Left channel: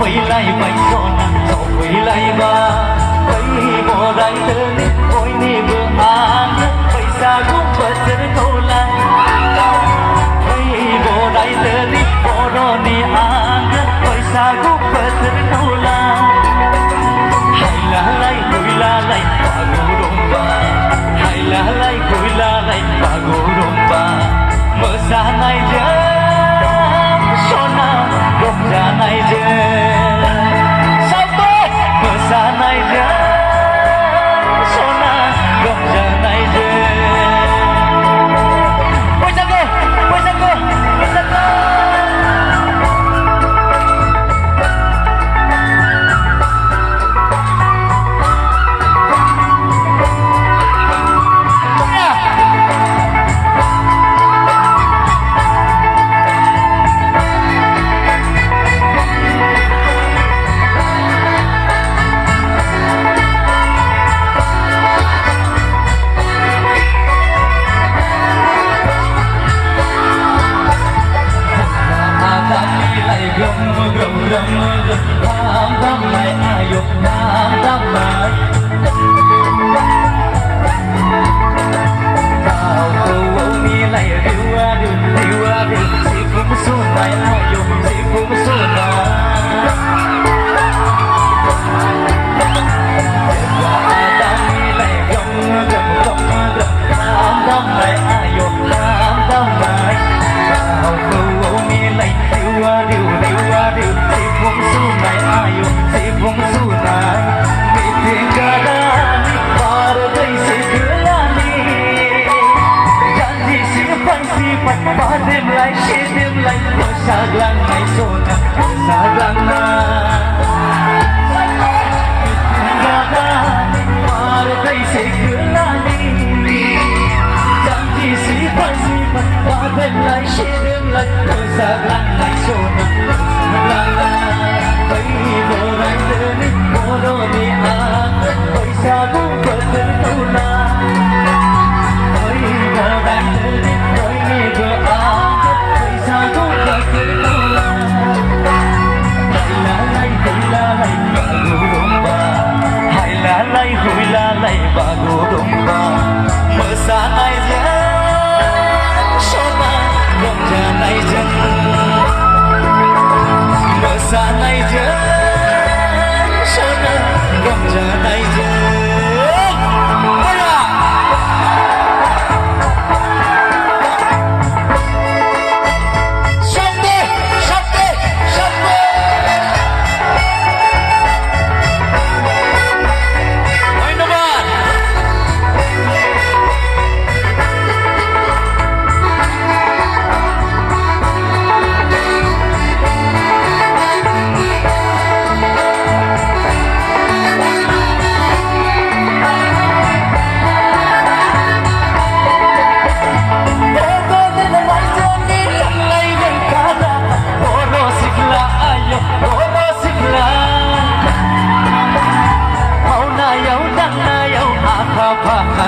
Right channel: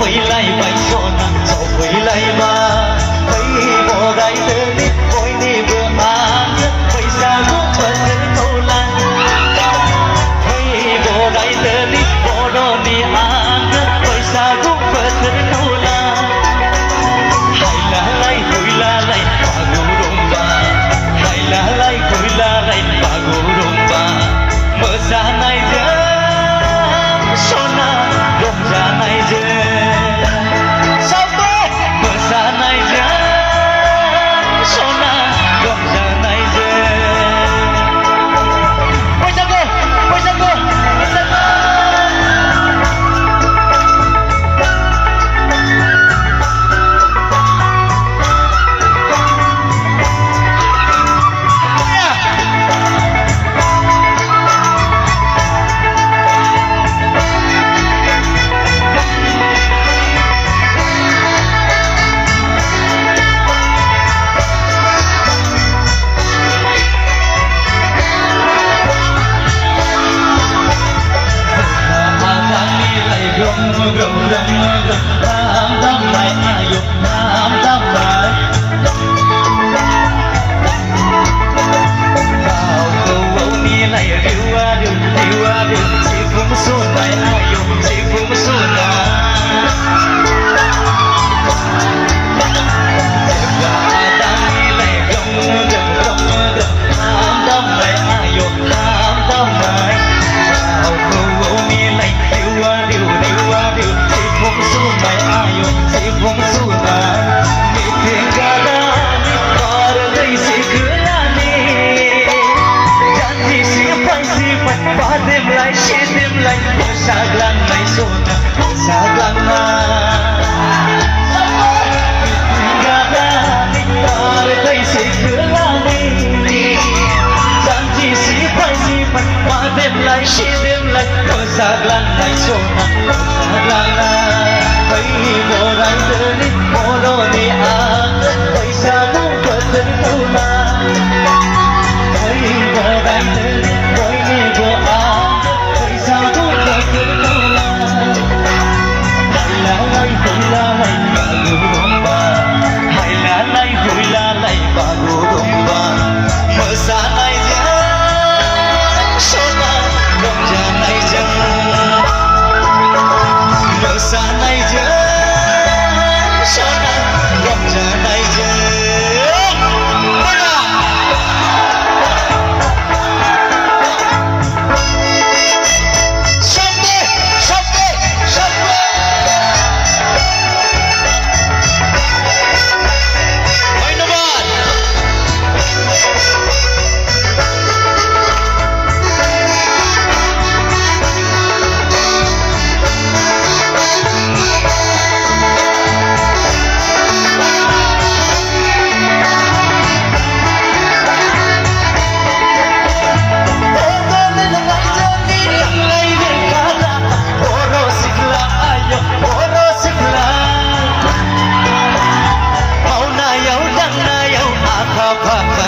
lại bay sona so lại ba bay bỏ đại tơ nít bôi ni vừa ăn bay xa cũng bật tiếng câu lan bay bỏ đại tơ nít bỏ đó ni ăn bay xa cũng bật tiếng câu lan hay là lại vui la lại ba gù đông ba hay là lại vui la lại ba gù đông ba mở ra này nhớ sona gom ra này nhớ tham lại ayo tham lại bao câu ni lại điêu si phung xuân lại ayo si phung xuân lại tham lại ayo tham lại bao câu ni lại điêu si phung xuân lại ayo si phung xuân lại meeting gada ni paradise kelani janji si padem lai shedim lai saglang lai sona saglang na meeting gada ni paradise kelani janji si padem lai shedim lai saglang lai sona saglang na bay bỏ đại tơ nít bỏ đó ni ăn bay xa cũng bật tiếng câu la bay bỏ đại tơ nít bay ni vừa ăn bay xa cũng bật tiếng câu la hay là lại vui la lại ba gù đông ba hay là lại vui la lại ba gù đông ba mở xa này nhớ sona gom ra này nhớ mở xa này nhớ sona gom ra này nhớ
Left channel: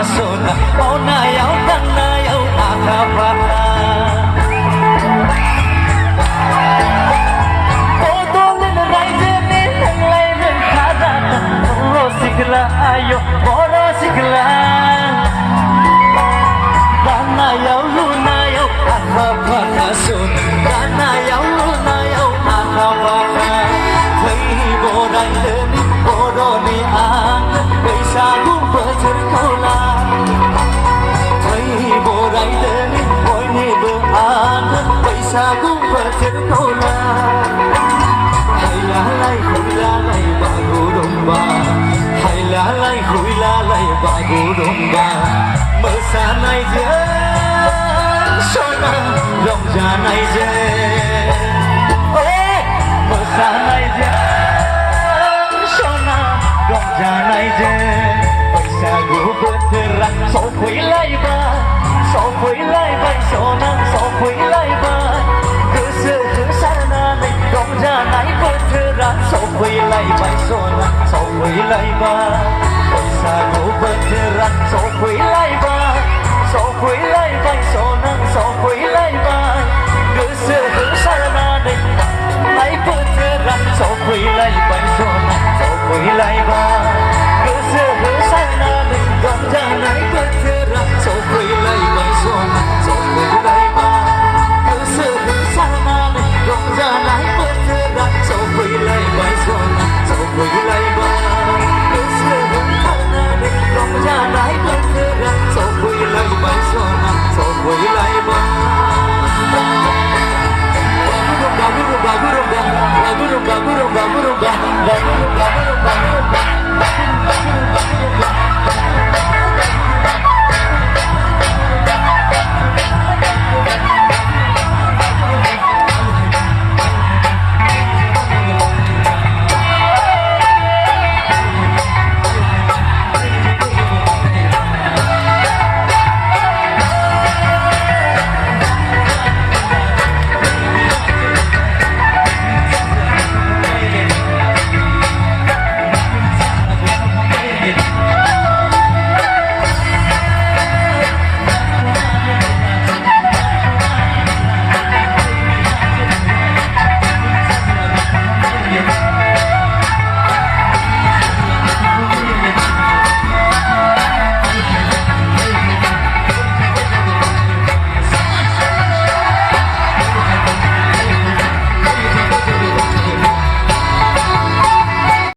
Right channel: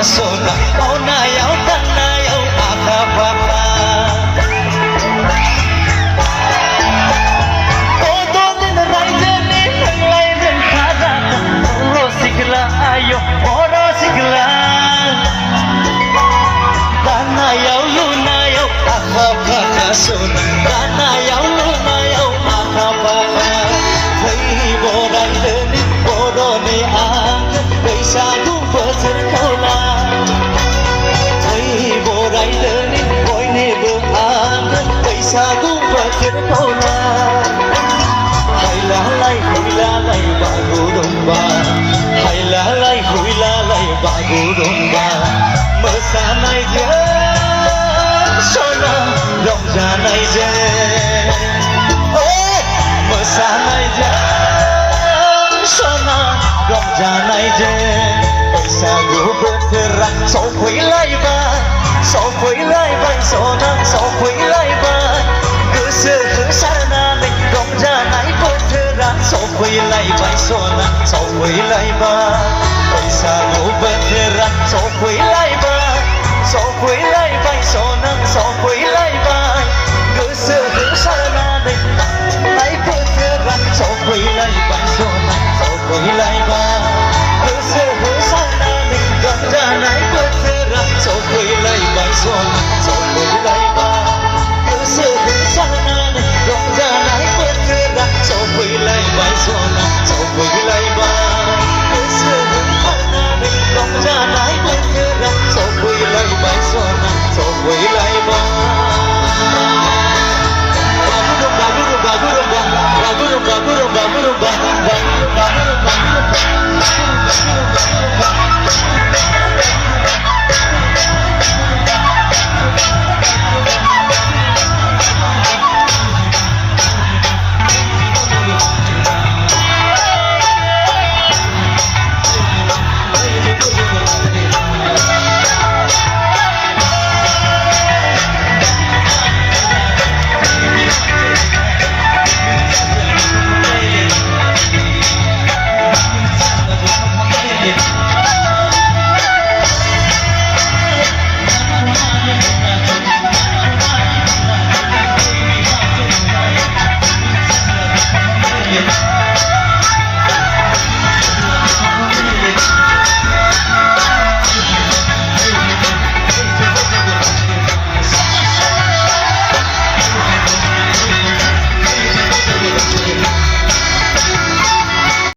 sona mau na yau tan na yau akha pakha o don no rai je ne lai ren khada ro sikla ayo ro sikla kana yau lu na yau akha pakha sona kana yau lu na yau akha pakha thai bo dai le ni bo do ni an bai sa gu pa thar khau la bộ đại tơ nít bôi ni vừa ăn bay xa cũng bật tiếng câu la hay là lại vui la lại ba gù đông ba hay là lại vui la lại ba gù đông ba mở xa này nhớ sona rộng ra này dê mở xa này nhớ sona rộng ra này dê bay xa gù bật ra so lại ba so lại bay so lại ba cứ sơ cứ sa na này gom ra này bớt thơ ra so lại bay so lại ba bay xa gù bớt thơ ra so lại ba so lại